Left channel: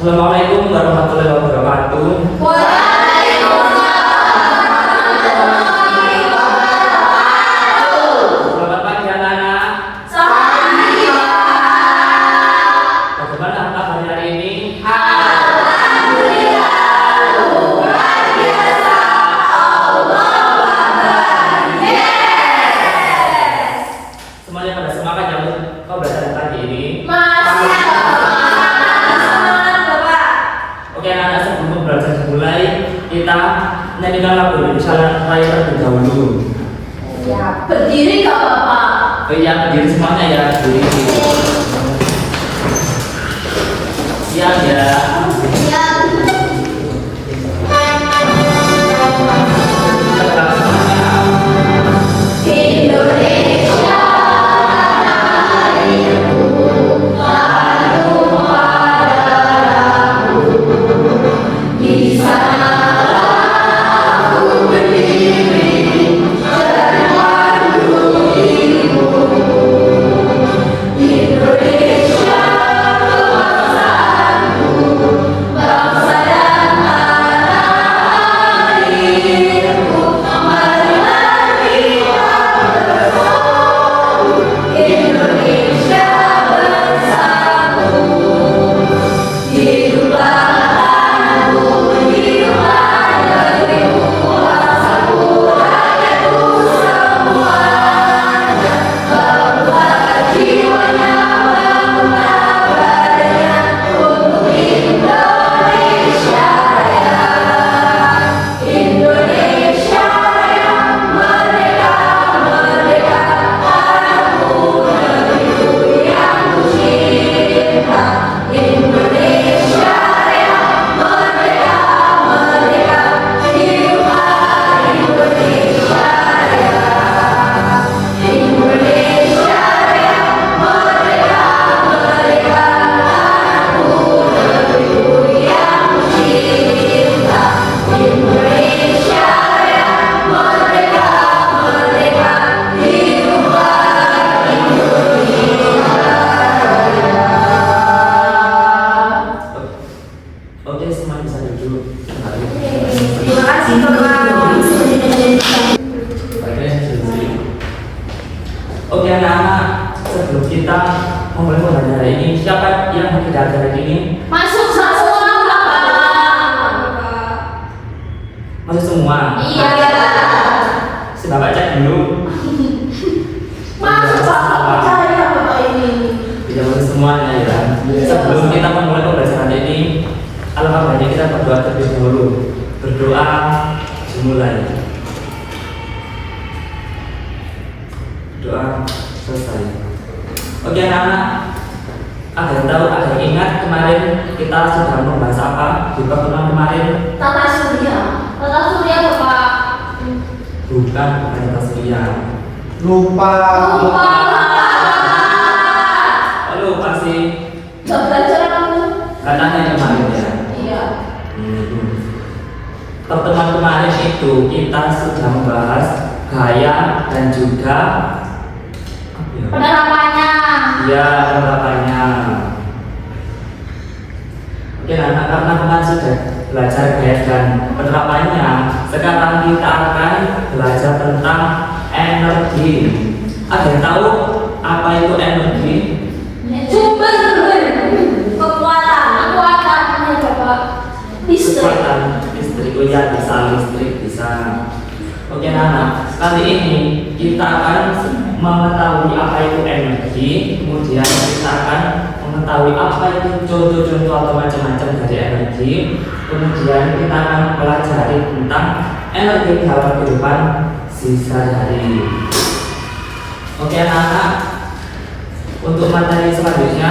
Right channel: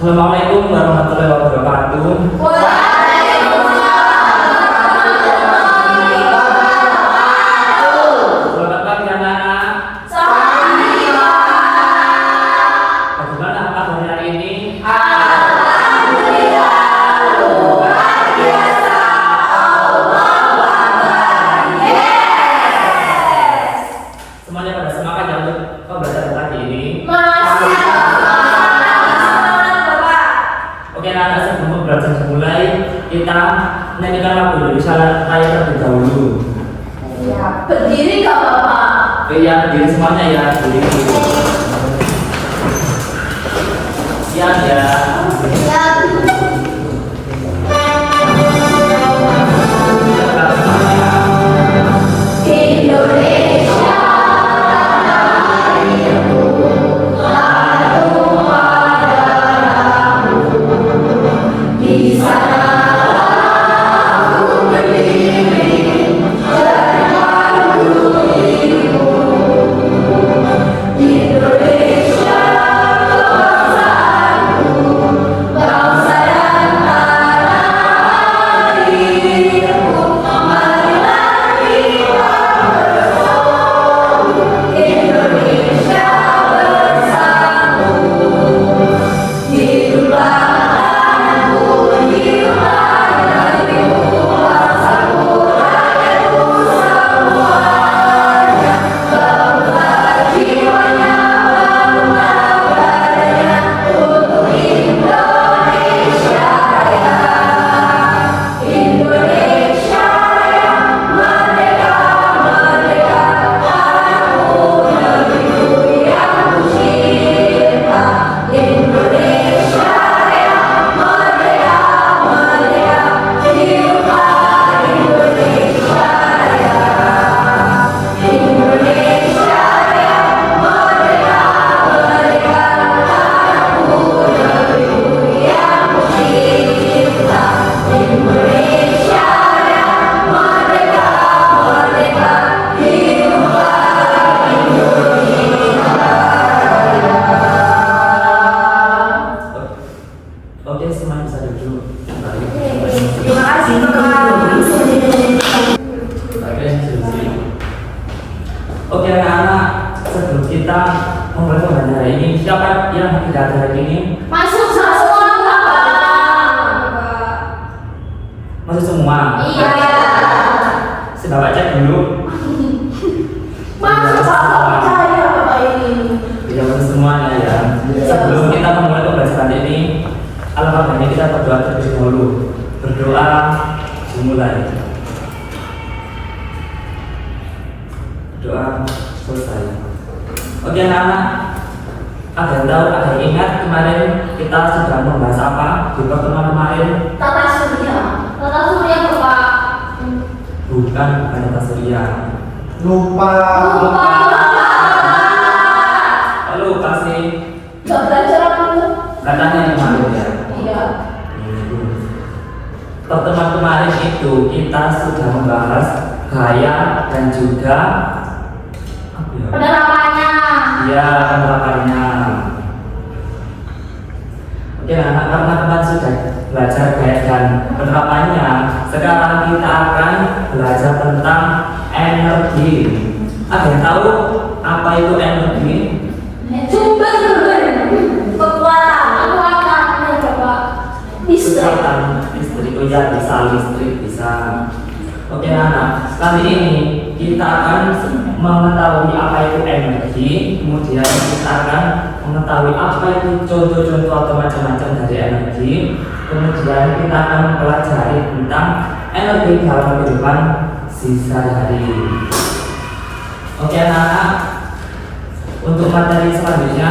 Assalamualaikum warahmatullahi wabarakatuh. Waalaikumsalam warahmatullahi wabarakatuh. Selamat pagi anak-anak. Pagi, Pak. Bagaimana kabarnya hari ini? Alhamdulillah, luar biasa. Allahu Akbar. Yes. Semuanya pada semangat ya untuk pembelajaran pagi ini. Masih semangat, Bapak. Oke anak-anak, sebelum pembelajaran dimulai, kita nyanyikan lagu Indonesia Raya terlebih dahulu. Ya, berdiri Kak Bapak. Ya, berdiri semuanya ya, berdiri. Siap ya. Ya. Indonesia tanah airku, tanah tumpah darahku. Di sana aku berdiri menyambut dirimu. Indonesia kebangsaanku, bangsa dan tanah airku. Marilah kita bersatu, Indonesia bersatu. Hiduplah tanahku, hiduplah negeriku, bangsaku, rakyatku semuanya. Bangga jiwanya, bangga badannya untuk Indonesia Raya. Indonesia Raya, merdeka, merdeka, tanahku, negeriku yang kucinta. Indonesia Raya, merdeka, merdeka, hiduplah Indonesia Raya. Indonesia Raya, merdeka, merdeka, tanahku, negeriku yang kucinta. Indonesia Raya, merdeka, merdeka, hiduplah Indonesia Raya. Oke, semuanya bisa duduk. Terima kasih Bapak. Oke, sesi. Oke anak-anak, sebelum kita memulai pembelajaran hari ini, siapa yang tidak ada hari ini? Masuk semua Bapak. Masih semua? Iya. Si Bapak cek dulu. Masuk Bapak, percaya Bapak ini. Tidak masih semuanya ya. Sebelum kita memulai pembelajaran ini, alangkah baiknya kita berdoa terlebih dahulu. Berdoa dimulai. Doa selesai. Oke anak-anak, agar tahu, agar ingat kemarin kita sudah membahas apa di pertemuan kemarin? Tata surya. Tata surya Bapak. Bukan tata surya. Lupa. Lupa Bapak. Oh, lupa sih. Gak belajar aku. Katanya kemarin ya. Iya. Pertemuan kemarin itu kita sudah membahas gaya dan juga Penerapannya. ya penerapannya. Oke anak, karena kemarin sudah belajar gaya dan penerapannya, sekarang kita akan belajar tentang energi. Ada yang tahu apa itu energi? Sumber kekuatan ya Bapak. Listrik. Kekuatan listrik, oh ya bisa listrik bisa. Oke anak, kali ini kita akan mengetahui apa itu energi, kemudian kita akan mengetahui apa itu contoh-contoh atau macam-macam dari energi, kemudian kita akan mempelajari tentang energi dalam kehidupan sehari-hari. Oke anak-anak, untuk materi selanjutnya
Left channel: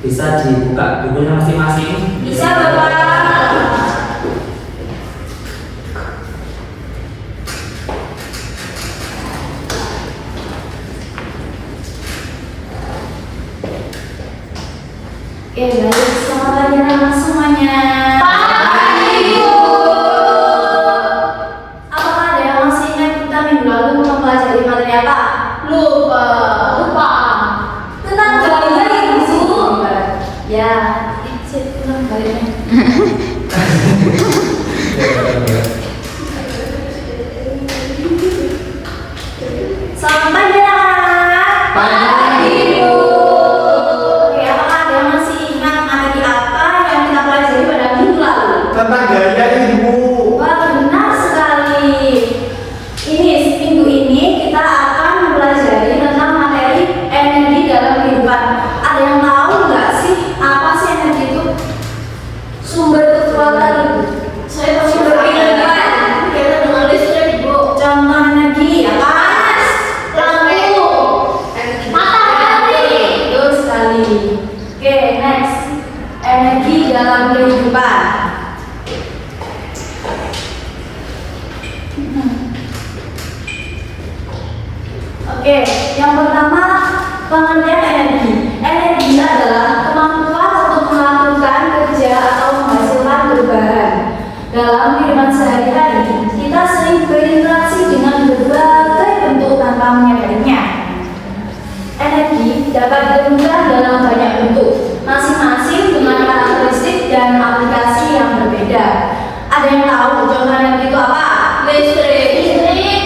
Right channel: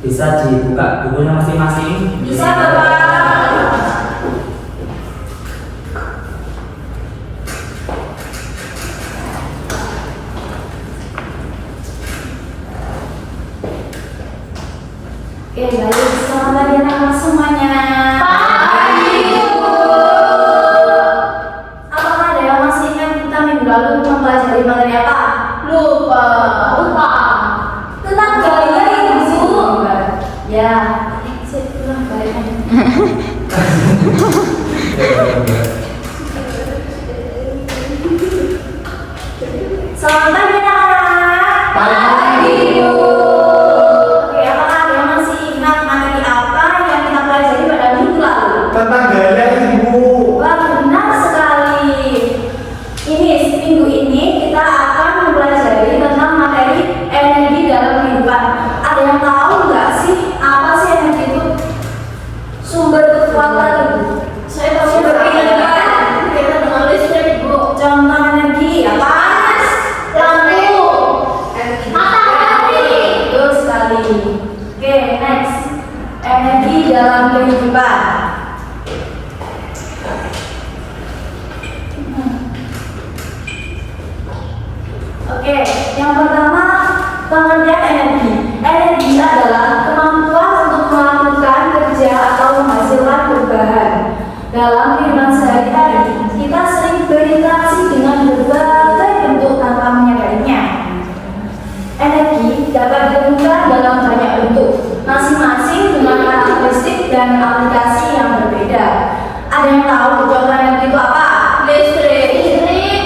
bisa dibuka bukunya masing-masing. Bisa Bapak. Oke, baik. Selamat pagi anak-anak semuanya. Pagi, Bu. Apakah ada yang masih ingat kita minggu lalu mempelajari materi apa? Lupa. Lupa. Tentang gaya, Bu. Ya. Sip. Selamat pagi anak-anak. Pagi, Bu. Oke, apakah ada yang masih ingat materi apa yang kita pelajari pada minggu lalu? tentang gaya ibu. Wah, benar sekali. Ini minggu ini kita akan mempelajari tentang materi energi dalam kehidupan. Ada yang tahu nggak sih apa sih energi itu? Sumber kekuatan itu. Saya tahu sumber energi. Kita dengan listrik, Bu. Contoh energi apa? Lampu, matahari. Betul sekali. Oke, next. Energi dalam kehidupan. Oke, yang pertama pengertian energi. Energi adalah kemampuan untuk melakukan kerja atau menghasilkan perubahan. Dalam kehidupan sehari-hari, kita sering berinteraksi dengan berbagai bentuk tanpa menyadarinya. Energi dapat ditemukan dalam banyak bentuk, masing-masing dengan karakteristik dan aplikasi yang berbeda. Ada yang tahu contoh energi itu apa? Listrik.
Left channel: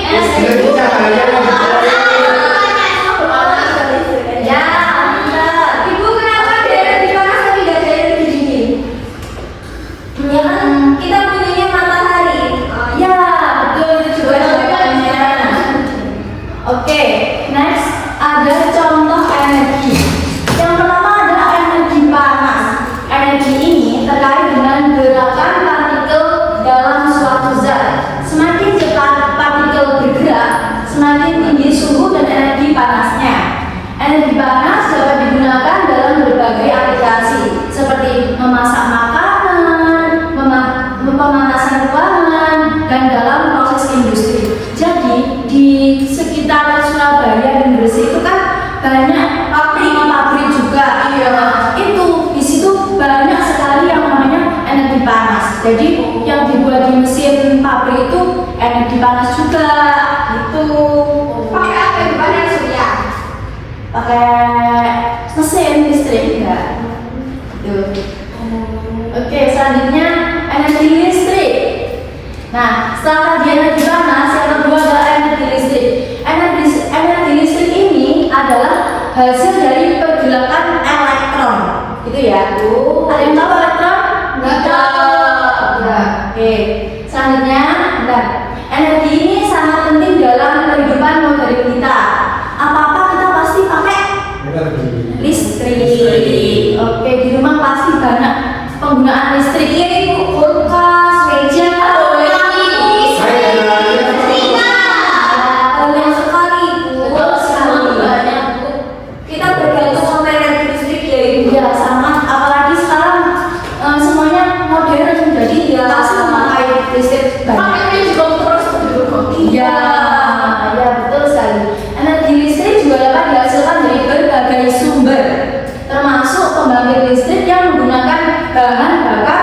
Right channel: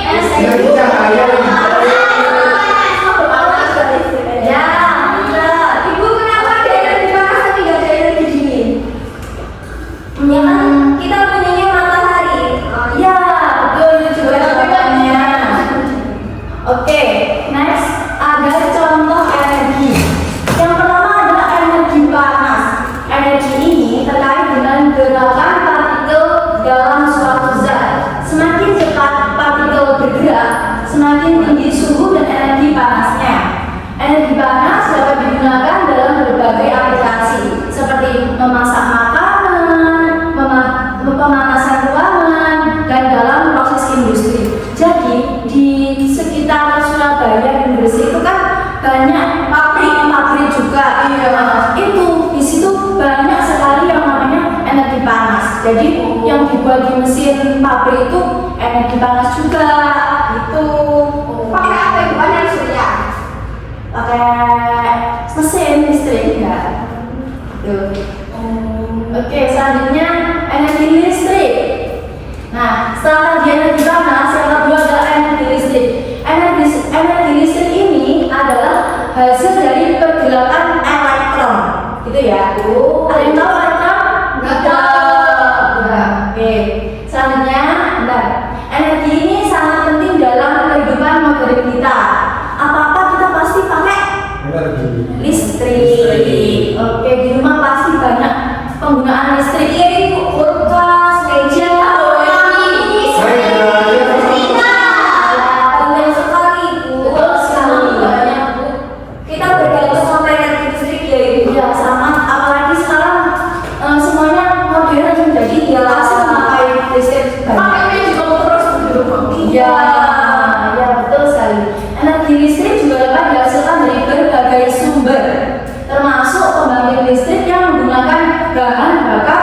Energi cahaya yang Ya, enggak. Ibu kenapa ada energi panas tapi nggak ada energi dingin? Ya kan kita punya matahari. Ya, betul itu juga jawabannya. Oke, next ada contoh energi. Yang pertama adalah energi panas. Energi ini terkait dengan gerakan partikel dalam suatu zat. Semakin cepat partikel bergerak, semakin tinggi suhu dan energi panasnya. Energi panas dapat digunakan dalam berbagai aplikasi seperti memasak makanan, pemanasan ruangan, dan dalam proses industri. Jadi di sekitar Surabaya dan Gresik itu kan banyak pabrik juga. Itu di situ banyak sekali yang namanya energi panas. Jadi yang dibuat di mesin pabrik itu energi panas juga. Itu Pakai apa itu? Pakai surya. pakai mesin listrik enggak? Tuh. Oke, selanjutnya energi listrik. Nah, setelah tadi energi panas, yang kedua adalah energi listrik. Energi listrik ini adalah hasil dari pergerakan elektron, gitu ya. Ada yang tahu elektron? Nggak tahu. Enggak. Oke. Selanjutnya, bentar. Energi ini sangat penting dalam kehidupan modern kita. Apa-apa kita pasti pakai energi. listrik. Oke, di rumah pasti banyak penggunaan listrik. Kulkas, meja, banyak sekali, Bu. Betul sekali. Kita bergantung sama energi listrik ya, Ibu. Ya, sama. Apalagi sekarang semuanya modern, jadi ya pasti memakai listrik banyak. Pakainya juga terus di rumah. Iya, ya betul sekali. Energi listrik juga dapat dihasilkan dari berbagai sumber, termasuk pembangkit listrik yang menggunakan bahan bakar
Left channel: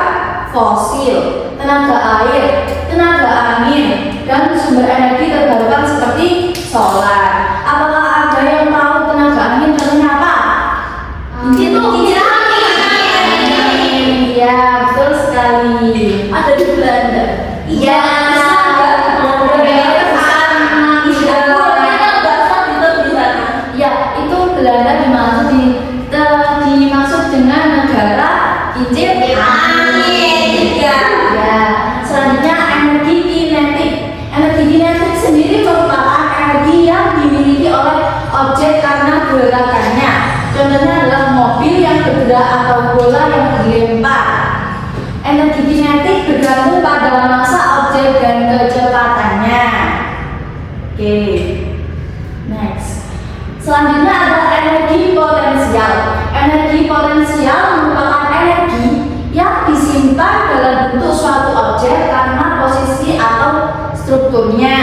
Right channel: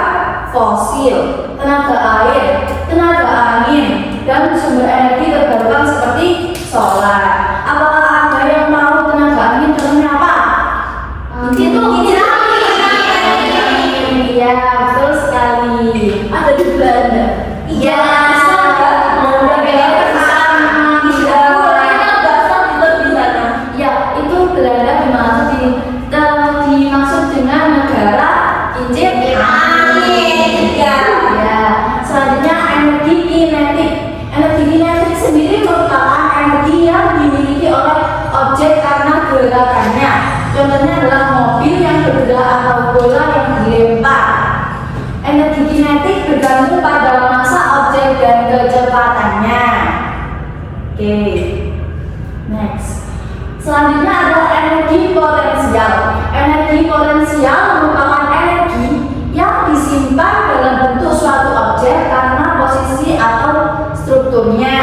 fosil, tenaga air, tenaga angin, dan sumber energi terbarukan seperti solar. Apakah ada yang tahu tenaga angin contohnya apa? Itu kincir angin. Iya, betul sekali. Ada di Belanda. Iya. Ya, itu Belanda dimaksud dengan negara kincir angin. Ya. Selanjutnya energi kinetik. Energi kinetik sendiri merupakan energi yang dimiliki oleh objek karena gerakannya. Contohnya adalah mobil yang bergerak atau bola yang dilempar. Energi kinetik bergantung pada massa objek dan kecepatannya. Oke. Next. Selanjutnya adalah energi potensial. Energi potensial merupakan energi yang disimpan dalam bentuk suatu objek karena posisi atau strukturnya.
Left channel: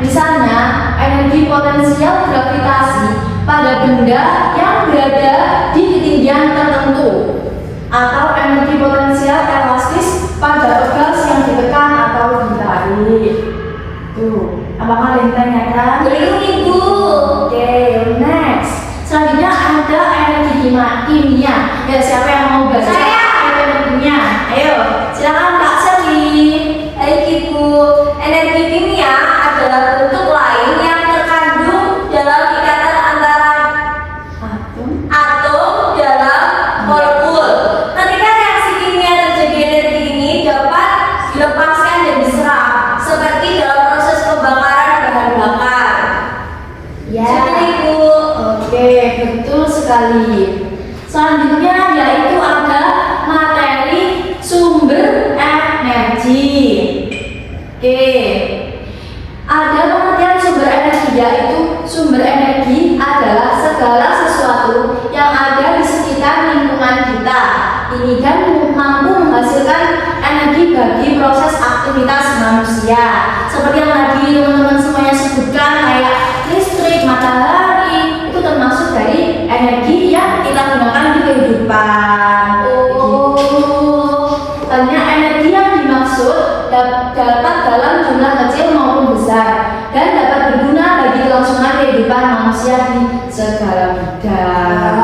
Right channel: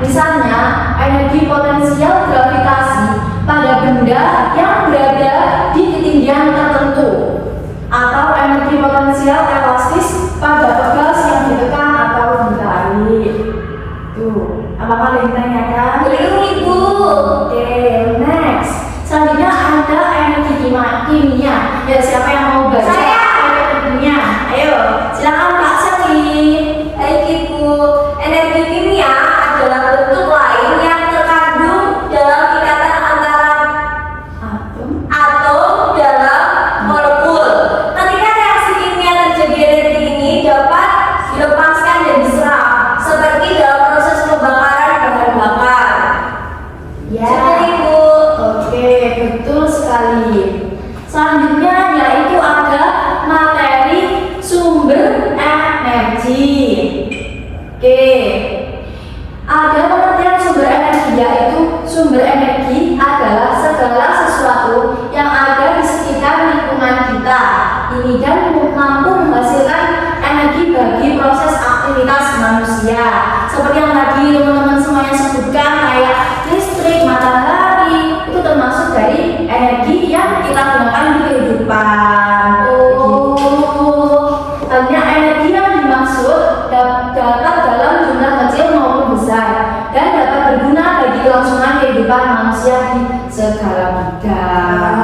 Misalnya, energi potensial gravitasi pada benda yang berada di ketinggian tertentu, atau energi potensial elastis pada pegas yang ditekan atau ditarik. Tuh, apakah ada yang tanyakan? Belum, Ibu. Oke, next. Selanjutnya ada energi kimia. Ya, siapa yang mau baca? Saya. Energi kimia. Ayo. sekali. Selanjutnya yaitu ada materi sumber energi. Oke. Ada pengertian sumber energi, yaitu sumber energi adalah segala sesuatu yang ada di sekitar lingkungan kita. Ini dan mampu menghasilkan energi bagi proses aktivitas manusia. Seperti yang tadi teman-teman semuanya sebutkan, kayak listrik, matahari, itu termasuk dari energi yang kita gunakan di kehidupan. Hanya energi yang dimaksud dapat dalam jumlah kecil maupun besar dan dapat berguna bagi kelangsungan kehidupan manusia di segala bidang.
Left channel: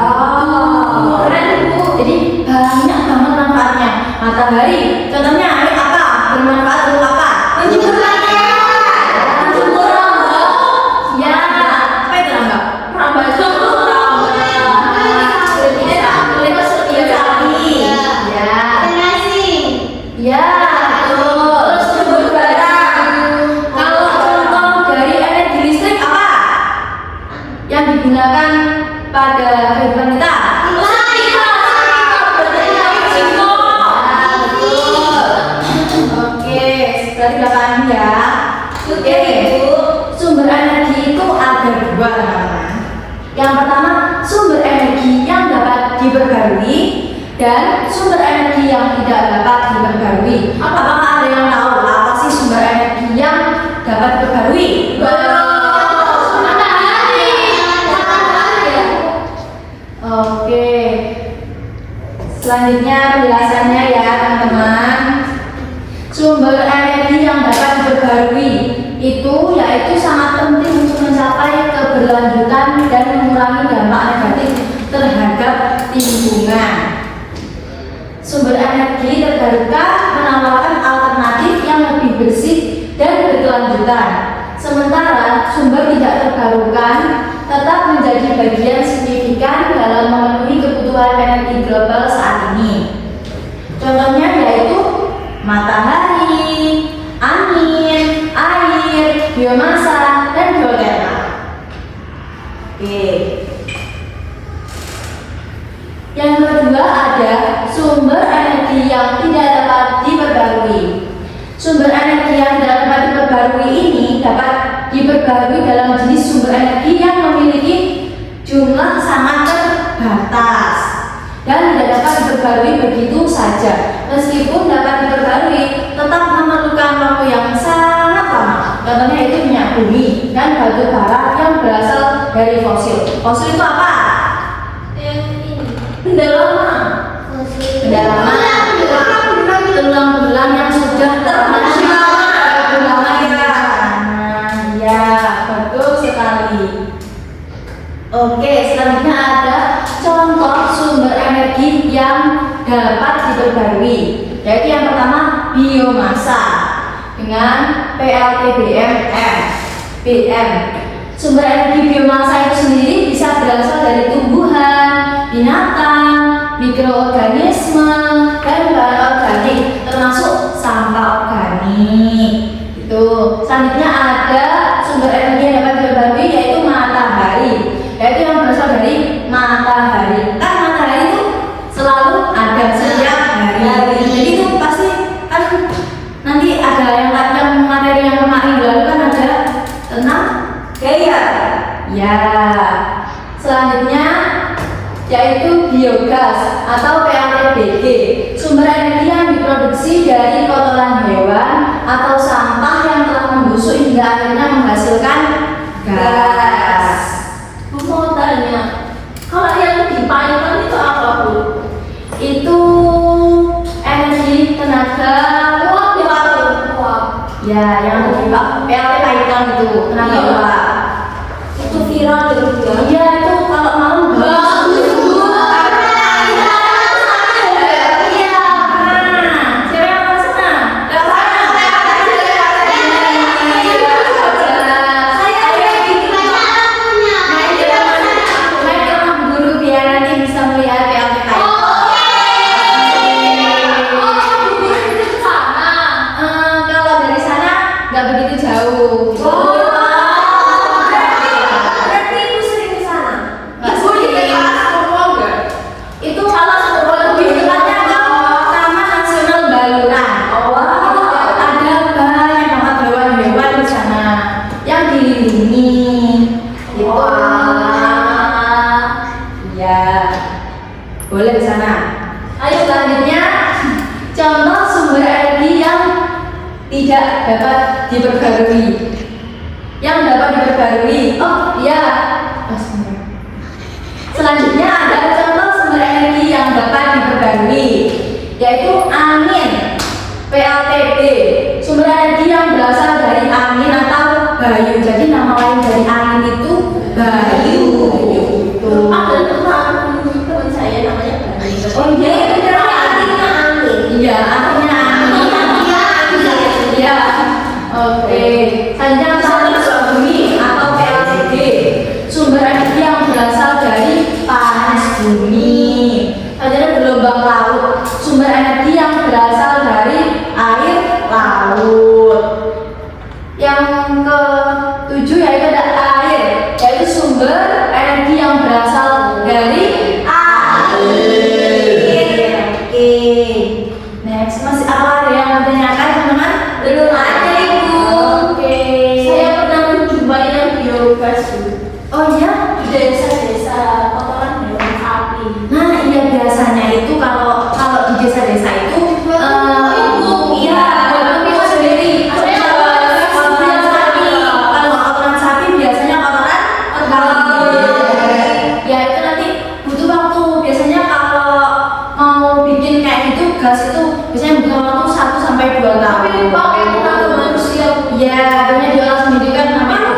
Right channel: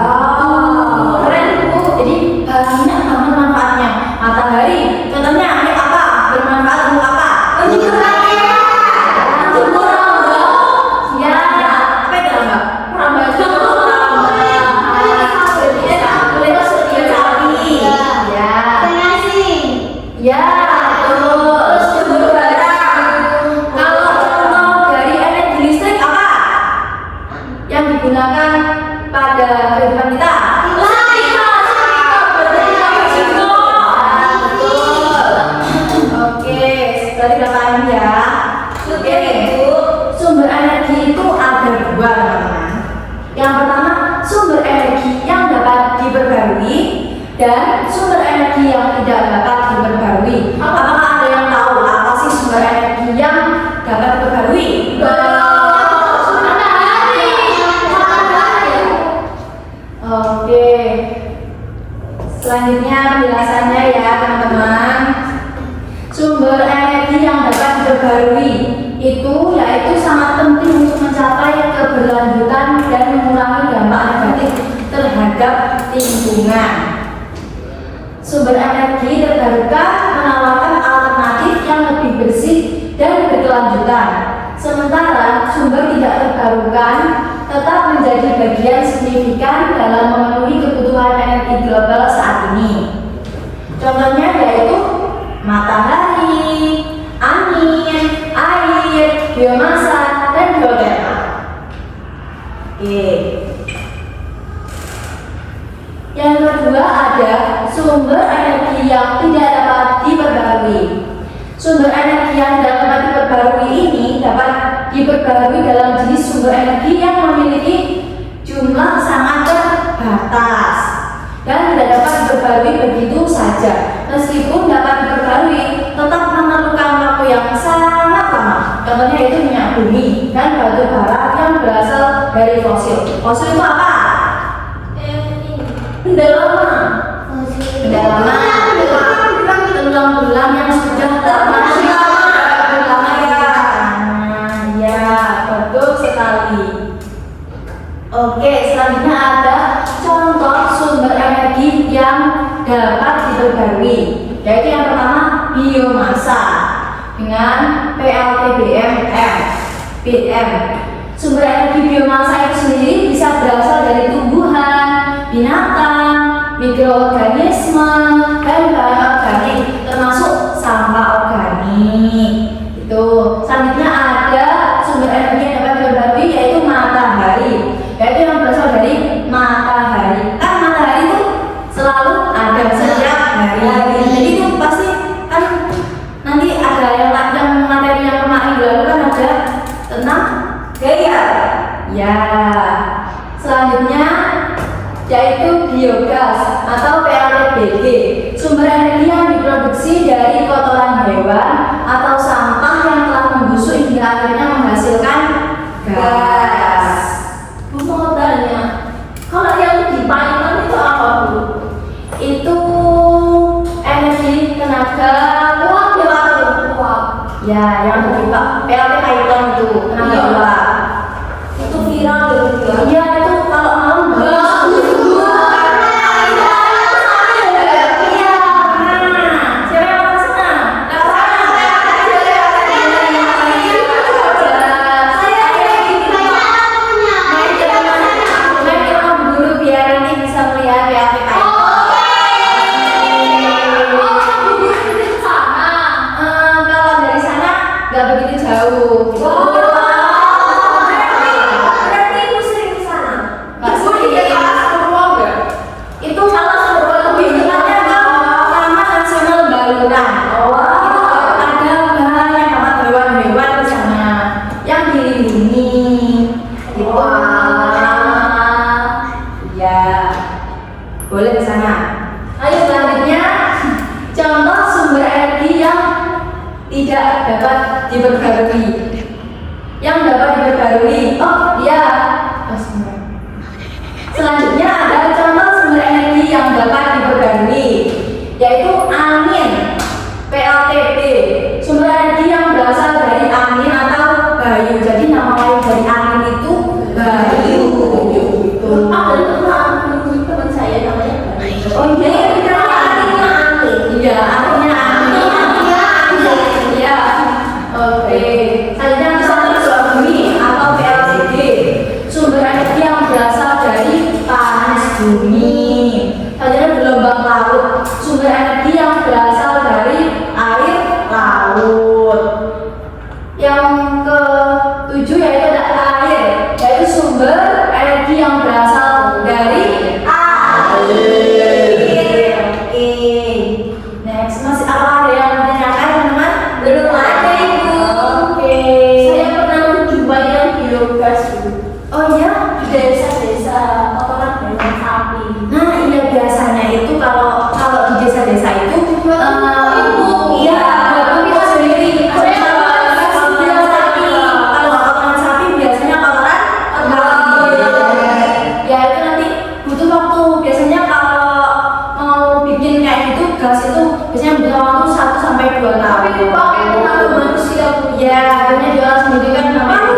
Keren Bu, jadi banyak banget manfaatnya. Matahari, contohnya air apa? Bermanfaat untuk apa? Menjemur rambut. Menjemur rambut. Ya, apa itu rambut? Rambut. Kulit sapi. Ya. Ya, betul. Terus jemur barang. Kalau contoh dari energi listrik apa? Yang digunakan pada kehidupan kita? Oke, berarti belakangan ya. Oke, sumber energi itu ada dua teman-teman. Yang pertama, sumber energi yang dapat diperbarui dan sumber energi yang tidak dapat diperbarui. Apakah ada yang tahu apa sih sumber energi yang dapat diperbarui? Matahari. Oke. Selanjutnya penjelasannya ya teman-teman. Sumber energi yang dapat diperbarui itu yaitu sangat penting untuk mencapai keberlanjutan dan mengurangi dampak negatif terhadap lingkungan. Sumber energi terbarukan menawarkan alternatif yang lebih bersih dan berkelanjutan. Sementara sumber tidak terbarukan tetap menjadi bagian signifikan dalam memenuhi kebutuhan energi global saat ini. Contohnya yaitu matahari, angin, air, biomasa, dan geotermal. Oke. Yang kedua ada sumber energi yang tidak dapat diperbarui. Sumber energi yang tidak dapat diperbarui ini dapat diperbarui dalam jenis sumber energi yang memiliki jumlah sangat terbatas dan tidak dapat diperbarui begitu saja. Meskipun dapat diperbarui, tetap memerlukan waktu yang sangat lama. Contohnya itu minyak bumi dan batu bara yang berasal dari fosil. Fosil itu apa? Benda lama. Benda lama. Tulang-tulang yang sudah lama ya, betul sekali. Oke, selanjutnya ada contoh sumber energi yang dapat diperbarui, yaitu yang pertama biomasa dengan PLTBM BM. Sumber energi biomasa itu sendiri bisa berasal dari tumbuhan, binatang, mikroorganisme, dan bahan organik termasuk sampah organik. Itu. Selanjutnya ada sumber energi yang dapat diperbarui yaitu matahari, yaitu yang berasal dari matahari. Kan matahari itu selalu ada setiap hari. Jadi itu pasti kan nanti ada yang materi yang kemarin lalu kan ada tentang gaya. Ya. Selanjutnya yaitu biogas atau PLTBG, sumber energi yang diproduksi dari kotoran hewan atau sampah yang telah membusuk hingga akhirnya menghasilkan gas. Bu mau tanya, kalau yang dipainkan itu apa Bu? Itu energi tenaga Uap ya uap. ya yang lebih PLT Python itu tenaga Iya. uap. Itu viral ya Bu. Iya itu kalau malam bagus. Nggak begitu jauh. Berarti ibu sering ke sana. Boleh di sana. Ayo selanjutnya, contoh sumber energi yang tidak dapat diperbarui. Yang dapat diperbarui. Oh iya. Selanjutnya ada contoh sumber energi yang dapat diperbarui, yaitu angin, PLTB. Sumber energi yang berasal dari angin atau bayu. Jadi nama lain dari angin itu bayu. Ada teman saya namanya Bayu. Oh iya, itu artinya angin. Iya, artinya angin. Iya. Oke. Selanjutnya panas bumi atau PLTB. Sumber energi yang berasal dari panas bumi. Selanjutnya gelombang laut. Sumber energi yang berasal dari air laut. Yang ke-7 yaitu ada air, yaitu sumber energi yang berasal dari air. Oke. Next, masih apa ada yang ditanyakan teman-teman? Belum ada ibu. Oke. Saya pernah menjumpai yang biogas dulu. Oh ya? Di desa-desa kotoran hewan sapi. Nah iya, biasanya itu kalau di desa-desa itu iya buat sendiri. Kalau kotoran sapi biasanya kotoran ya itu nanti butuh waktu. Biasanya kalau mau bikin kayak gitu gas itu biasanya butuh waktu 1 sampai 2 tahun. Tapi pakai tenaga manusia Bu. Ya, akhirnya jual sendiri kan namanya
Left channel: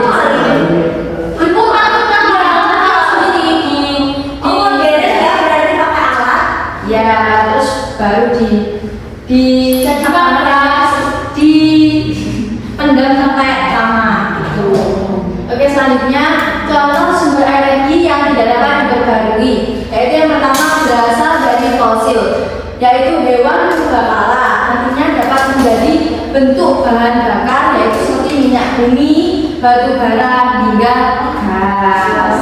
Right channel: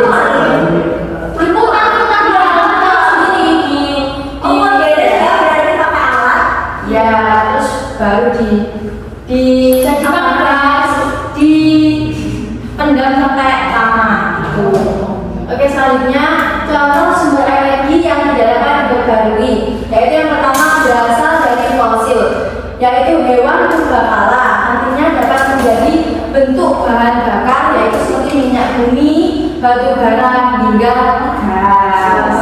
ya, terus baru dicetak keras, di pendam sampai lama gitu. Oke, selanjutnya contoh sumber energi yang tidak dapat diperbarui, yaitu yang pertama berasal dari fosil, yaitu hewan purbakala. Nantinya dapat menjadi bentuk bahan bakar, yaitu seperti minyak bumi, batu bara hingga gas.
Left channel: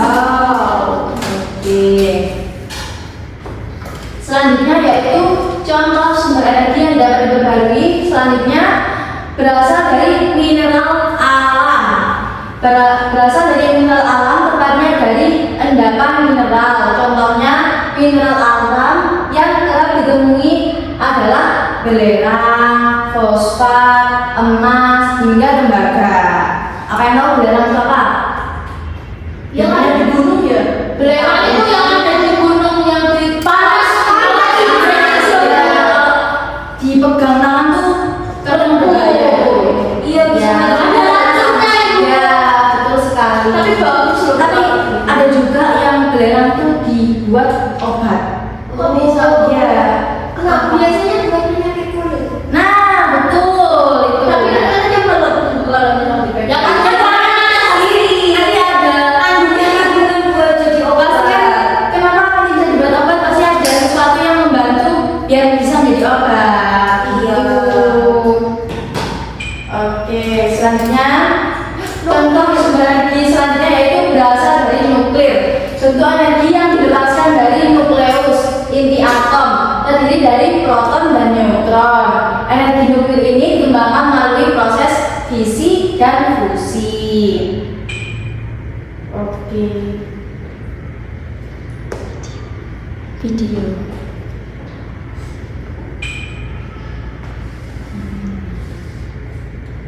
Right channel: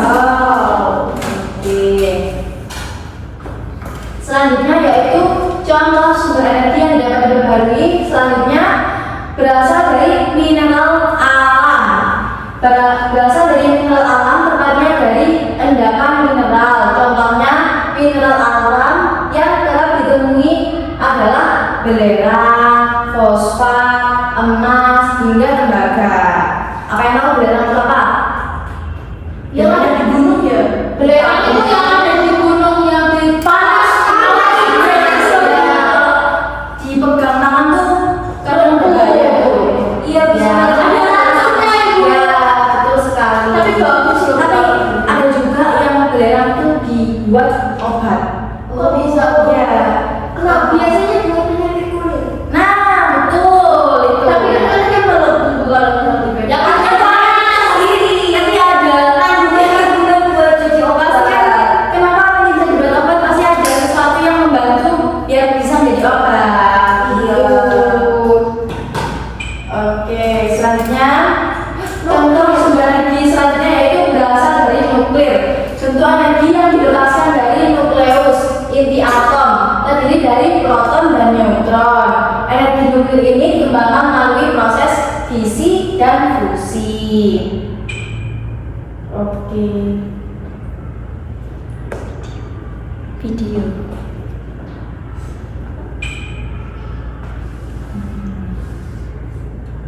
Oke. Selanjutnya yaitu contoh sumber energi yang dapat diperbarui. Selanjutnya berasal dari mineral alam. Berasal dari mineral alam, tepatnya dari endapan mineral. Contohnya mineral alam yang kerap ditemui adalah belerang, fosfat, emas, hingga tembaga. Apa yang tahu belerang itu apa? Yang ada di gunung ya? Belerang itu yang ada di gunung yang di panas. Dipegang tangan tuh keren ya. Iya bisa. Ada racunnya Ibu. Ya betul sekali. Tapi bagus loh. Tapi ada juga yang belerang tuh dibuat obat. Kok bisa? Ya. Kenapa biasanya buat penyakit kulit? Nah betul itu. Tapi katanya kalau ya kan sendiri. Nanti ada kandungan buat jadi obat kan. Kenapa kan bisa dibuat obat? Pasti ada sesuatu yang membantu biar bisa menjadi obat. Oke, selanjutnya contoh sumber energi selanjutnya yaitu berasal dari nuklir. Contoh energi yang dilepaskan dari nukleus inti atom, terdiri dari proton dan neutron. Energi nuklir ini dikembangkan melalui proses fisi dan fusi. Oke. Video.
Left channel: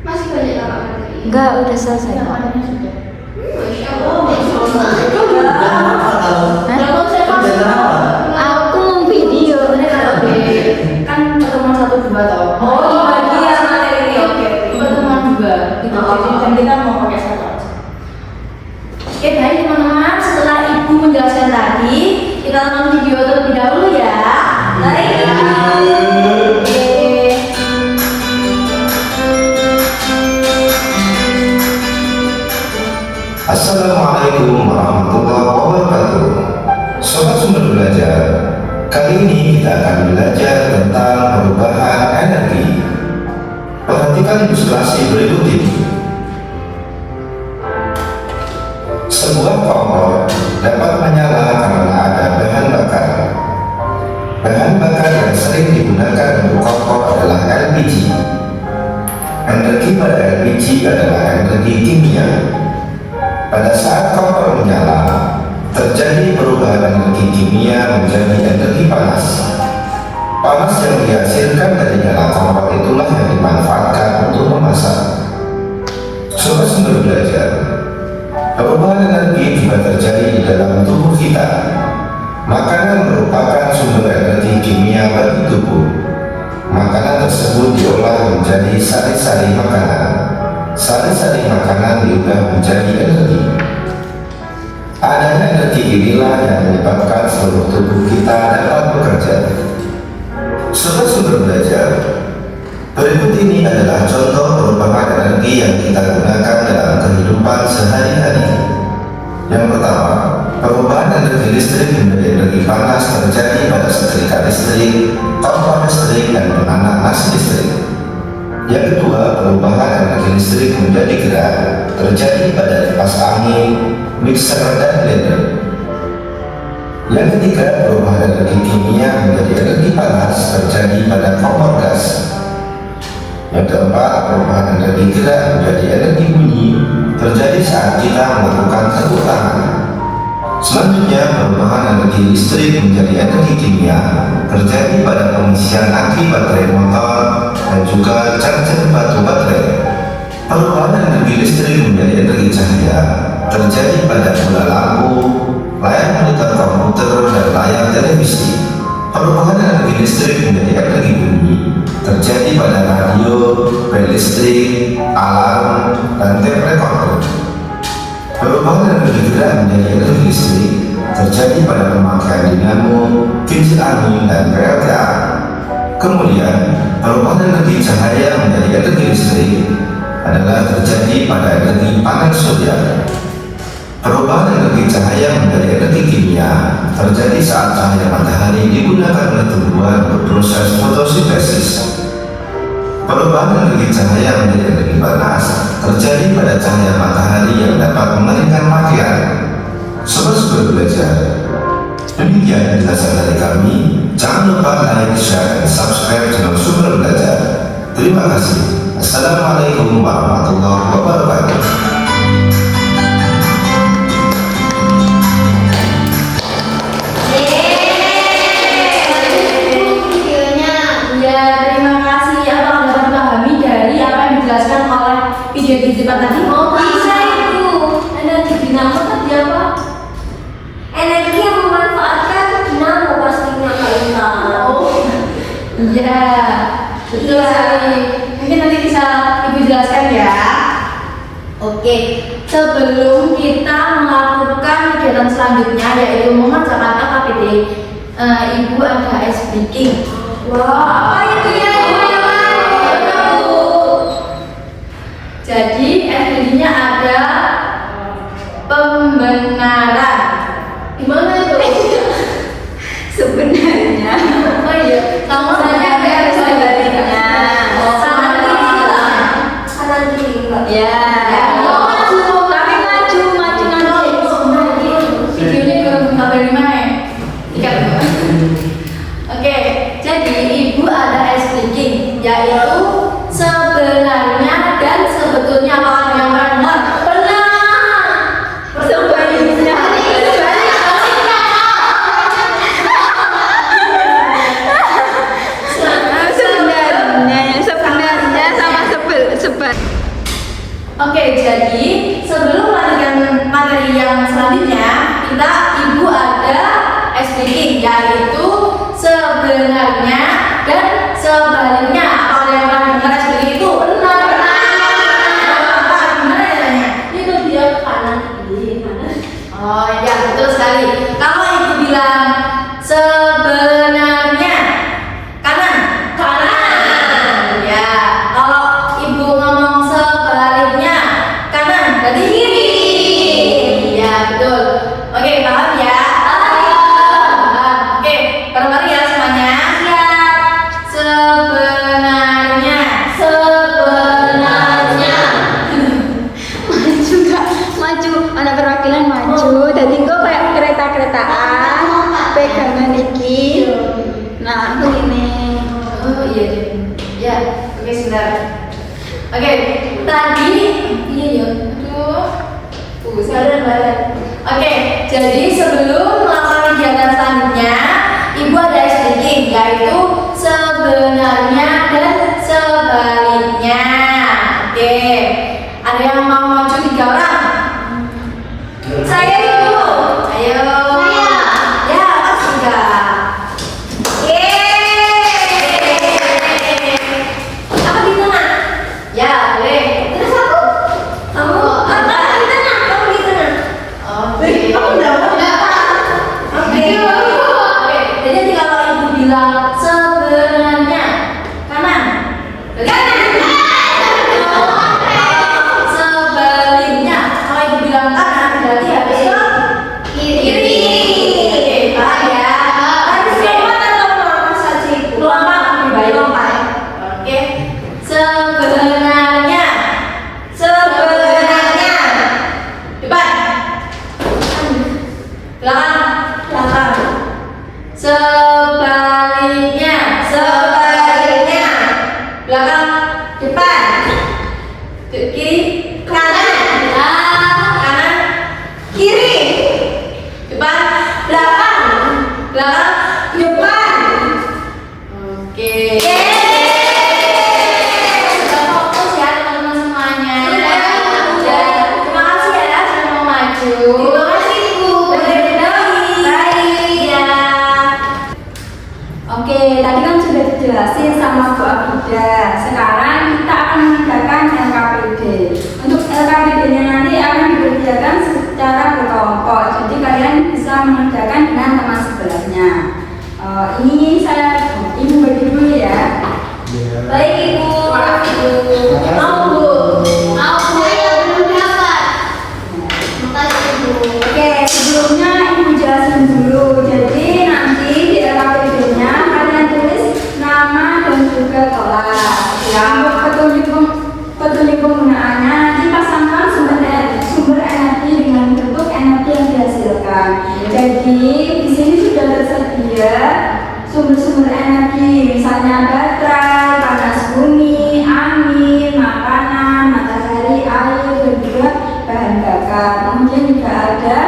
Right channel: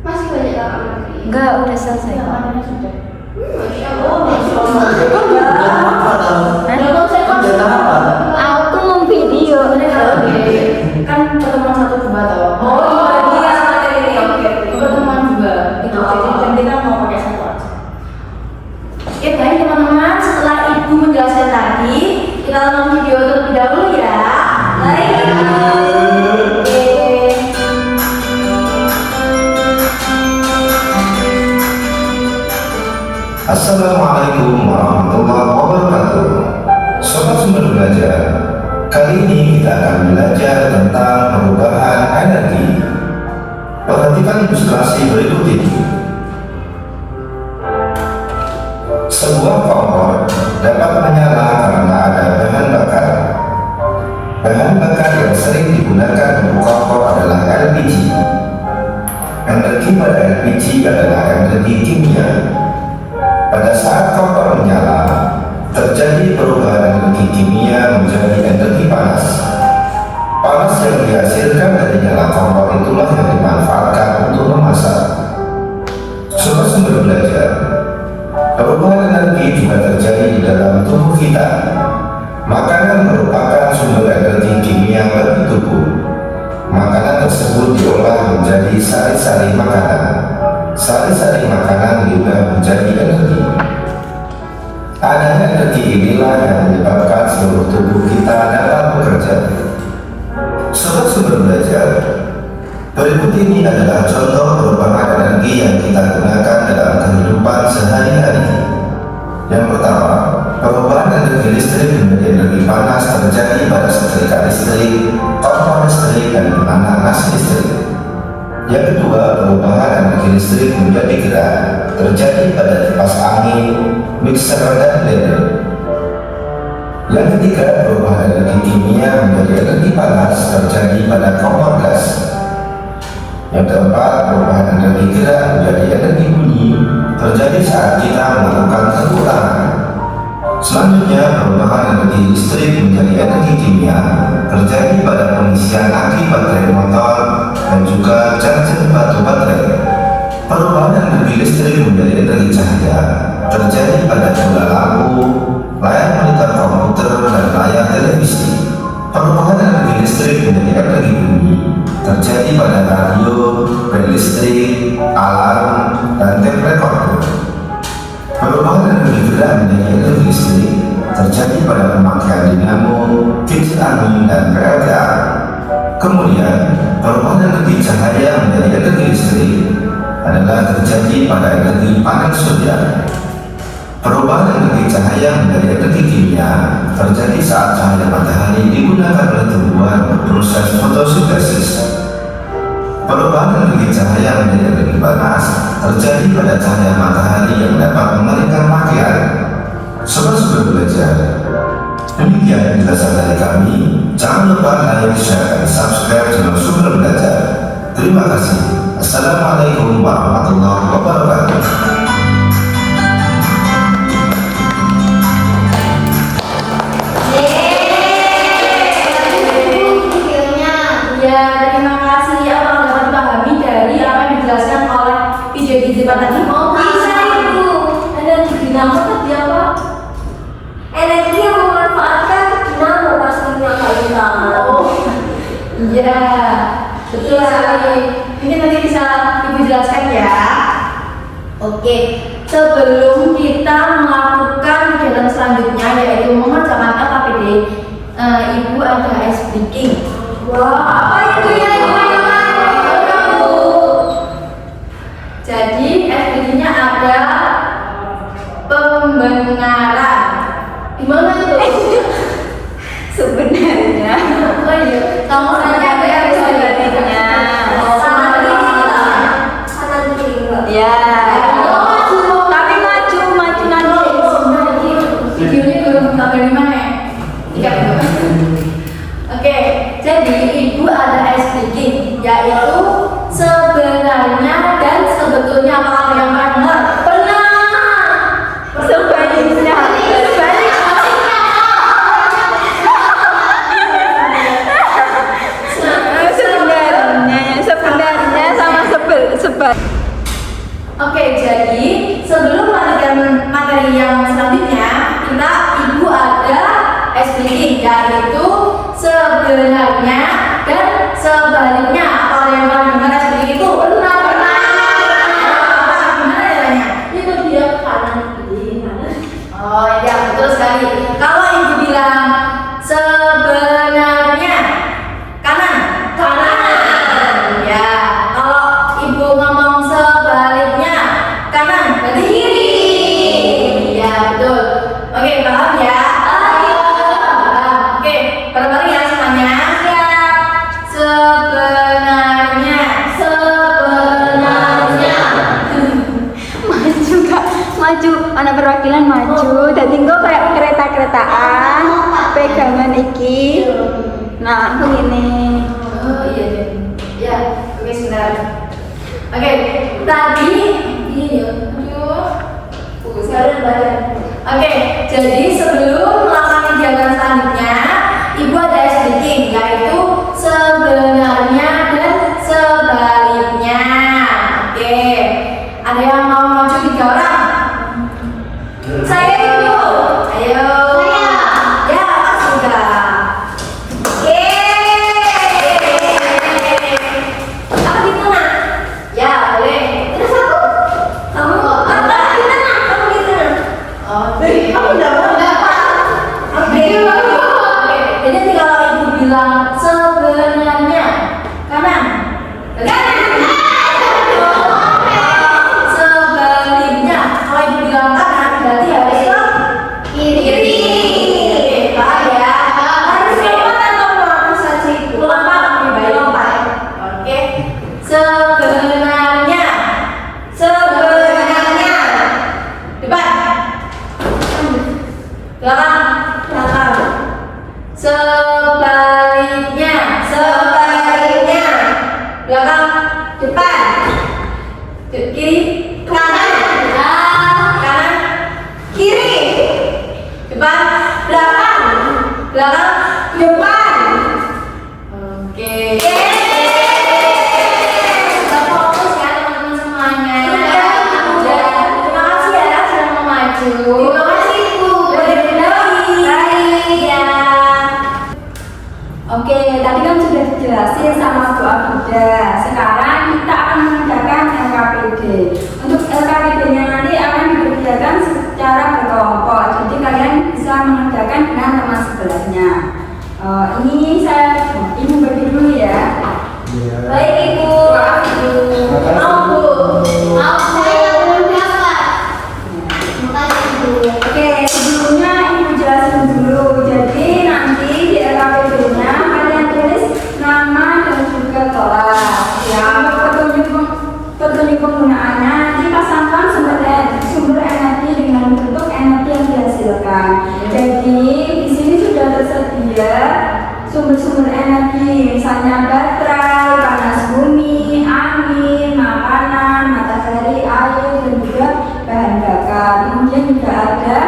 masih banyak kakak menteri. Enggak, udah selesai. Yang mananya sudah. Aku mau video. Kan pertemuan 1-2 toh. Oh iya dia materi ini. Oke. Pertemuan 2. Itu jadi kita mau pakai 1 aja. Oke baik teman-teman, setelah ibu menjelaskan tadi, kita tonton video terlebih dahulu ya. Baik. Oke. Assalamualaikum warahmatullahi wabarakatuh. Sobat Sumber Belajar, kali ini kita akan belajar tentang perubahan energi. Perhatikan ilustrasi berikut ini. Sebuah kompor dapat menyala karena ada bahan bakar. Bahan bakar yang sering digunakan untuk kompor adalah LPG. Energi pada LPG adalah energi kimia. Pada saat kompor menyala, terjadi perubahan energi kimia menjadi energi panas. Panas yang dihasilkan dari nyala kompor itulah yang dimanfaatkan untuk memasak. Sumber belajar, perubahan energi juga terjadi di dalam tubuh kita. Makanan merupakan sumber energi kimia bagi tubuh. Makanan tersebut diolah menjadi sari-sari makanan. Sari-sari makanan diubah menjadi energi. Adanya energi inilah yang menyebabkan seluruh tubuh kita dapat bekerja. Sumber belajar, berikut ini adalah contoh perubahan energi yang kita gunakan dalam kehidupan sehari-hari. Yang pertama, perubahan energi listrik menjadi energi panas terjadi pada setrika listrik, kompor listrik, dan pemanas listrik. Yang kedua, perubahan energi listrik menjadi gerak terjadi pada kipas angin, mixer, dan blender. Yang ketiga, perubahan energi kimia menjadi energi panas terjadi pada kompor gas. Yang keempat, perubahan energi gerak menjadi energi bunyi terjadi saat kita melakukan tepuk tangan. Selanjutnya, perubahan energi listrik menjadi energi kimia terjadi pada pengisian aki baterai motor dan juga charger batu baterai. Perubahan energi listrik menjadi energi cahaya terjadi pada bola lampu, layar monitor komputer, dan layar televisi. Perubahan energi listrik menjadi energi bunyi terjadi pada radio, bel listrik, alarm, dan tape recorder. Perubahan energi gerak menjadi energi listrik terjadi pada pemakaian dinamo, kincir angin, dan PLTA. Kemudian, perubahan energi cahaya menjadi energi listrik adalah terjadi pada energi panel surya. Perubahan energi cahaya menjadi energi kimia terjadi saat cahaya matahari digunakan oleh tumbuhan untuk proses fotosintesis. Perubahan energi cahaya menjadi energi panas terjadi pada cahaya matahari yang dapat mengeringkan pakaian. Sobat-sobat belajar, demikian penjelasan dari kami. Jangan lupa like, share, dan subscribe channel Sumber Belajar. Terima kasih. Assalamualaikum warahmatullahi wabarakatuh. Di depan tadi mau Bisa Ibu. energi dinamo tadi apa? Energi yang memanfaatkan dinamo pastinya Kak Intan. Oh iya, betul sekali. Mungkin nanti bisa Ibu jelaskan ya. Oke, sebelum kita melakukan kegiatan selanjutnya yaitu mengerjakan LKPD, Ibu ada ice breaking. Wah, apa itu ya Ibu? Jadi SPG-nya ada pembenaran. Gimana itu? Sebenarnya Oh iya, kamu nanya apa ya sebenarnya? kanan kiri enggak? Ya. Oh, tapi maju nanti. Videonya belum sampai di mana ya? Tidak. Oke, jadi Ibu ada SPG yaitu sebenarnya dan sebetulnya. Kalau yang benar sebenarnya sama sebel. Oke, jadi sebelum melanjutkan materi yang selanjutnya, Ibu ada SPG yaitu sebenarnya dan sebaliknya. Kalau yang benar SPG itu benar. Gimana ya? Itu dia kanan kiri. Oh iya, betul sekali. Kalau Ibu bilang sebenarnya kanan. Ya, kalau Ibu ngomong sebaliknya kanan, jadi kiri. Ya, betul. Oke, paham ya? Oke, bareng-bareng ya semuanya. Ya. Sebenarnya. Maju, anak perwakilan maju. Jadi kok kayak kereta-keretaan, pegangan iki. Nah, ini. Oh iya, iya. Ya, oke sebentar. Oke, tadi ini ya. Aduh. Saran. Oke, jadi sebelum melakukan kegiatan selanjutnya, Ibu ada sedikit, yaitu sebenarnya dan sebaliknya. Oke, ada yang mau maju 3 orang? Saya Ibu. Ayo. Saya. Ya, sudah. Aku di tengah. Ya, boleh. Terus aku? Kamu? Kamu di tengah. Kamu di tengah. Oke. Aku udah mau. Oke. Jadi kalau Ibu bilang sebenarnya kanan. Sebaliknya kalau Ibu bilang kanan berarti habis itu Kiri. Oke, baik ya. Harus lompat atau melompat saja Ibu? Lompat lebih baik. Lompat. Oke. Sebenarnya. Sebenarnya. Depan. Belakang. Belakang. Sebaliknya. Sebaliknya. Belakang. Depan. Kiri. Kanan. Kanan. Kiri. Depan. Belakang. Belakang. Depan. Oke. Sudah fokus ya teman-teman semuanya. Dan terima kasih ya sudah mau maju. Terima kasih Ibu. Baik ya. Oke, tadi kan sudah dijelasin sama Bu Abida. Sekarang kita akan mengerjakan LKPD. Untuk LKPD-nya nanti akan dikerjakan secara berkelompok. Jadi kalian bisa mengerjakan dengan teman sebelahnya. Ini saya Ibu bagi dulu ya. Baik Ibu. Terima kasih Bu. Mau Bu? Mau saya belum dapat. Terima kasih Ibu. Oke, sebelumnya Ibu jelasin dulu. Jadi nanti di LKPD-nya kalian tulis nama dan juga kelas. Ya, petunjuk penggunaannya nanti pasangkan sumber energi dengan bentuk energi yang dihasilkan. Jadi di sini sudah tersedia sumber-sumber energi, misalnya baterai, panas bumi, angin, makanan, matahari, air, dan juga bahan bakar. Kemudian juga ada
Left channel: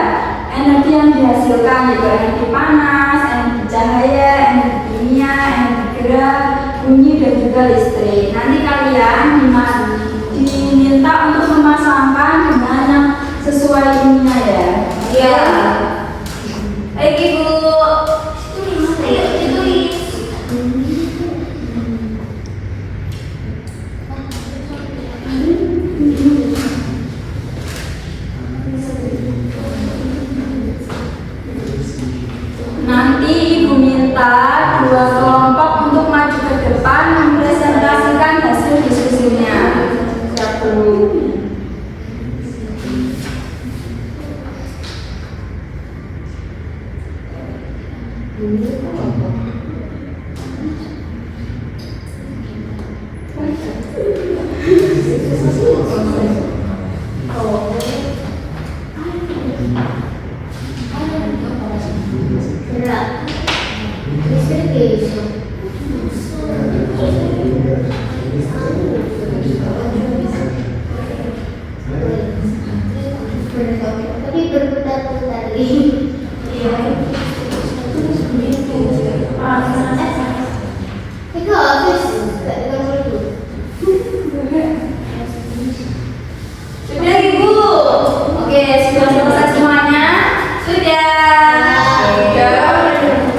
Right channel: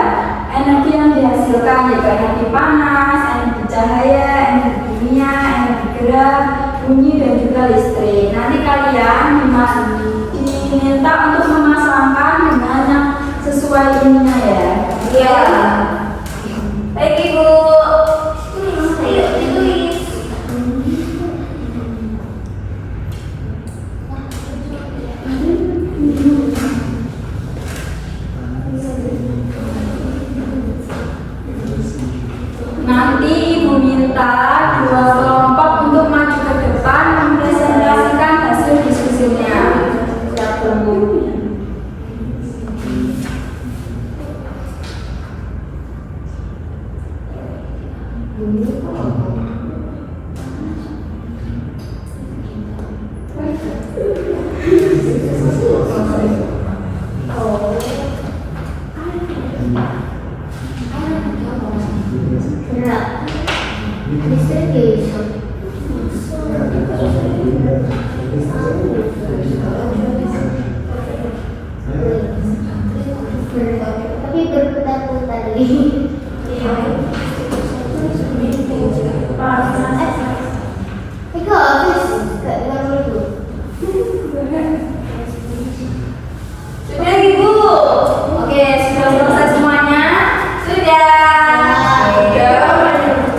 energi yang dihasilkan, yaitu energi panas, energi cahaya, energi kimia, energi gerak, bunyi, dan juga listrik. Nanti kalian diminta untuk memasangkan dengan yang sesuai ininya ya. Iya. Baik Ibu. Ayo ditulis. Nanti Ibu minta 2 kelompok untuk maju ke depan mempresentasikan hasil diskusinya. Berat. Listrik. Tapi berputar-putar tadi. Itu habis gak dengar dulu. Sudah Ibu. Oke, sudah selesai semuanya. Sudah.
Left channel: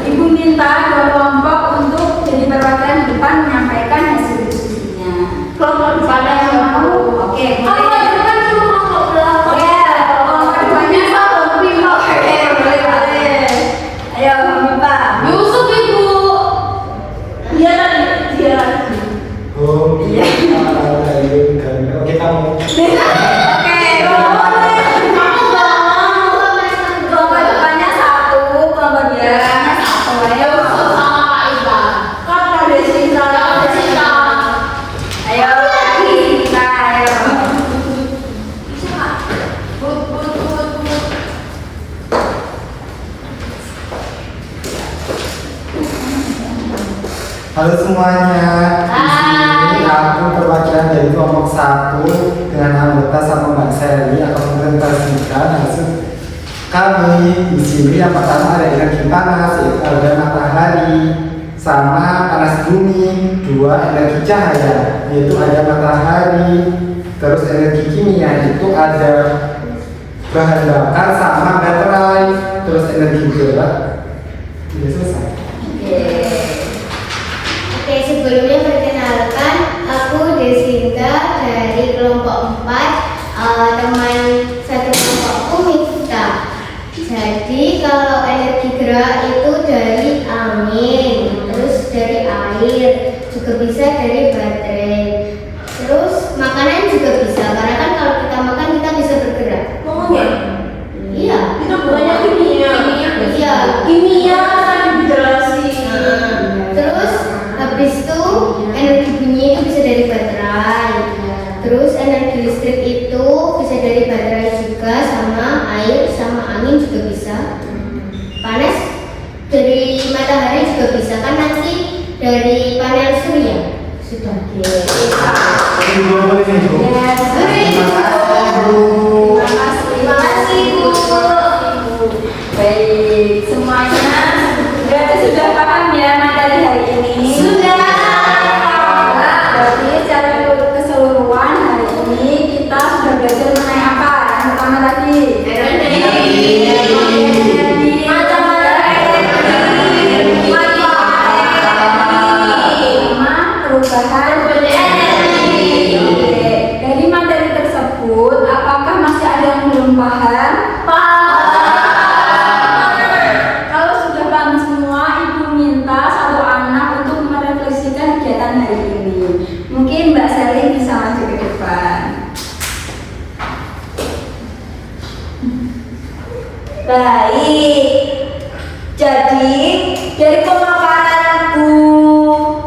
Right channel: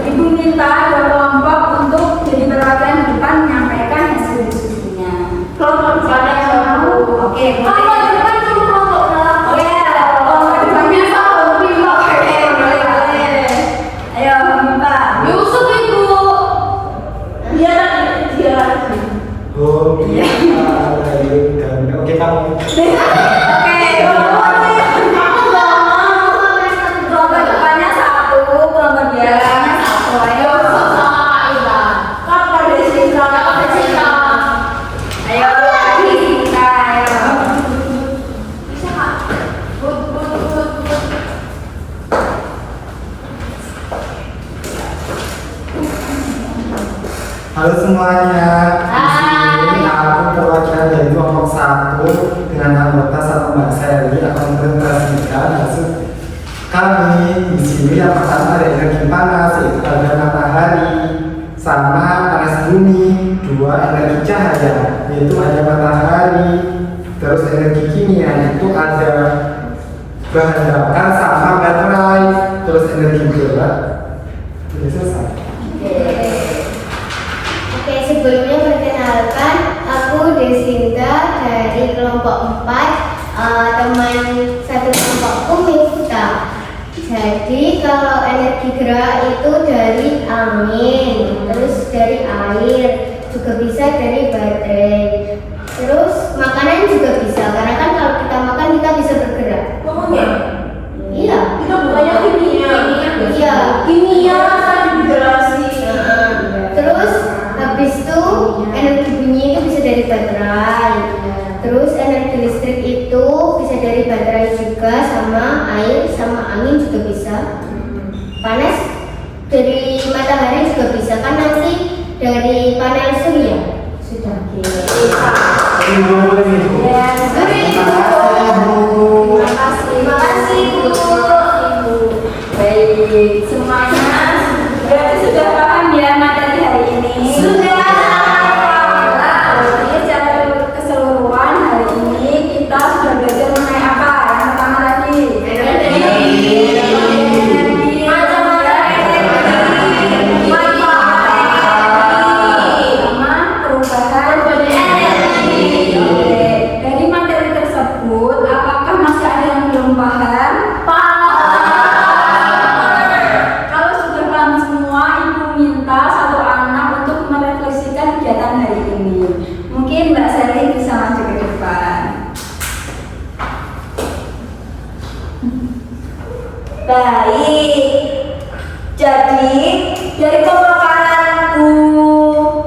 Ibu minta 2 kelompok untuk jadi perwakilan depan menyampaikan hasil diskusinya. Kelompok depannya yang mau. Oke, Aku boleh. di depan dulu kelompok belakang. Ya, kelompok depannya satu. Oke, boleh. Ayo, minta. Yusuf Ibu. Dia lagi. Oh iya. Oke kamu. Oke, kelompok depannya satu, kelompok belakangnya satu. Ayo. Sama Kak Iba. Kan pada Sinta. Ayo lagi. Ayo. Bisa Kak? But. Halo semuanya. Di sini aku perwakilan dari kelompok 1 dengan anggota 1 Mbak Sally akan mempresentasikan hasil Kami di sini yang pertama ada energi panas, yaitu ada matahari, sama panas bumi. Dua, energi cahaya, yaitu ada matahari. Terus energi kimia itu ada bahan bakar sama baterai. Terus energi gerak. Sudah selesai. Oke, sebelumnya perkenalkan, aku Desinta dari kelompok 4, teman satu kelompokku Miftah. Jadi kalau energi gerak itu dari angin, terus dari air, juga bisa dari baterai. Terus makanan juga bisa, karena kan kalau kita makan kita bisa bergerak. Ngomongnya? Iya. Itu bukannya kimia. Iya, kimia tadi dijelasin. Terus habis itu energi bunyi itu bisa dari baterai. Terus energi listrik itu bisa dari baterai juga, sama air, sama angin juga bisa. Panas dari matahari juga bisa, kan nanti dari panel surya. Sudah. Ibu boleh nih, Bu. Ya, Terima kasih, Bu. Terima kasih, Bu. baik semuanya. Berarti sudah paham ya materi hari ini? Sudah. Berarti secara keseluruhan hari ini kita sudah belajar mengenai apa? Yang pertama tadi perubahan energi. Oke. Dari materi tersebut, apakah masih ada yang belum paham? Kalau sudah paham semua, Ibu minta satu anak untuk merefleksikan kegiatan hari ini. Mungkin Mbak Selly bisa maju ke depan. Baik, jadi dari pemaparan Bu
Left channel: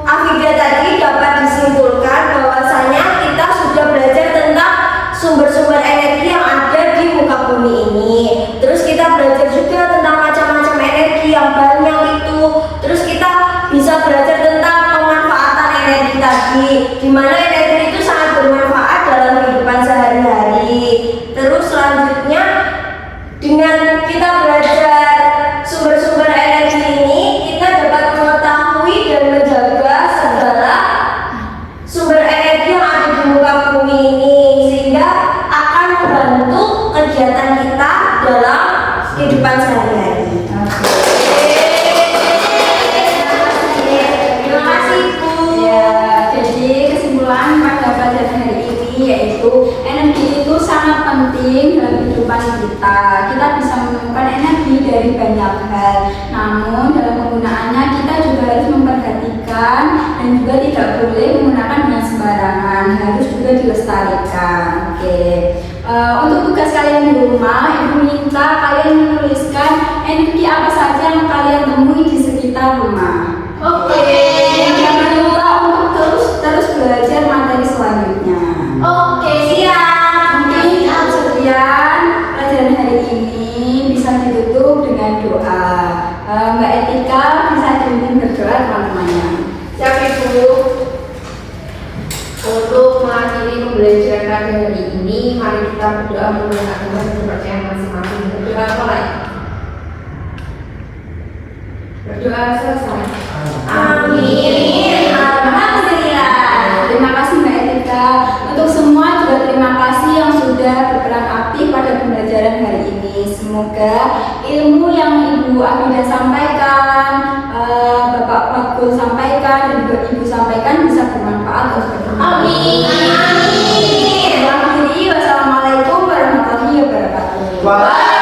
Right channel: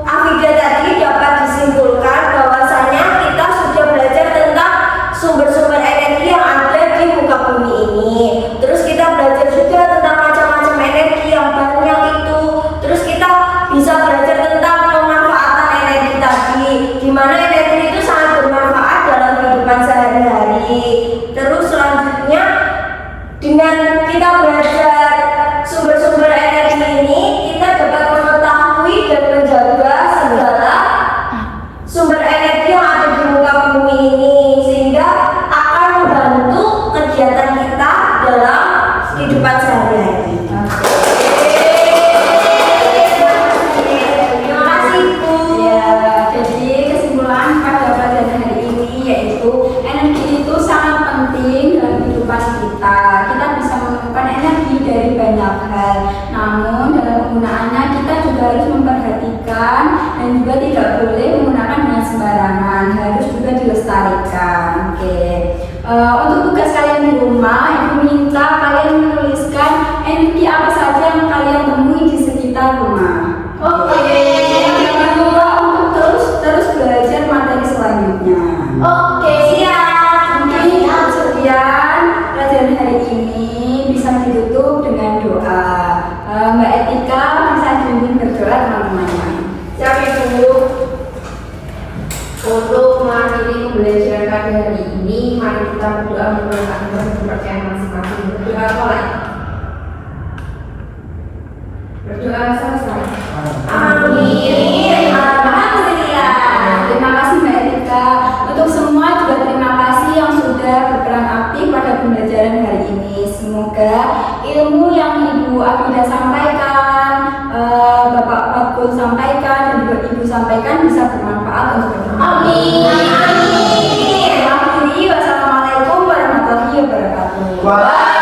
Afida tadi dapat disimpulkan bahwasanya kita sudah belajar tentang sumber-sumber energi yang ada di muka bumi ini. Terus kita belajar juga tentang macam-macam energi yang banyak itu. Terus kita bisa belajar tentang pemanfaatan energi tadi, di mana energi itu sangat bermanfaat dalam kehidupan sehari-hari. Terus selanjutnya, dengan kita belajar sumber-sumber energi ini, kita dapat mengetahui dan menjaga segala sumber energi yang ada di muka bumi ini, sehingga akan membantu kegiatan kita dalam kehidupan sehari-hari. Terima kasih, Bu. Ya, jadi kesimpulan pada pelajaran hari ini yaitu energi itu sangat penting dalam kehidupan kita. Kita bisa menemukan energi dari banyak hal. Namun dalam penggunaannya kita juga harus memperhatikan dan juga tidak boleh menggunakan dengan sembarangan. Harus juga dilestarikan. Oke. Untuk tugas kalian di rumah, Ibu minta kalian menuliskan energi apa saja yang kalian temui di sekitar rumah. Oke. Jangan lupa untuk terus belajar materi selanjutnya. Oke, siap. Mungkin sekian pelajaran hari ini, bisa ditutup dengan doa. Mbak Etika bisa dipimpin berdoa teman-temannya. Siap, Ibu. Untuk mengakhiri pembelajaran hari ini, mari kita berdoa menggunakan kepercayaan masing-masing. Berdoa mulai. Berdoa selesai. Amin. Alhamdulillah. Terima kasih Mbak Etika. Untuk semua juga terima kasih yang sudah berperan aktif pada pembelajaran hari ini. Semoga ilmu yang Ibu Afida sampaikan, Bapak Fatkul sampaikan, dan juga Ibu sampaikan bisa bermanfaat untuk kita. Amin. Wassalamualaikum warahmatullahi wabarakatuh. Wah.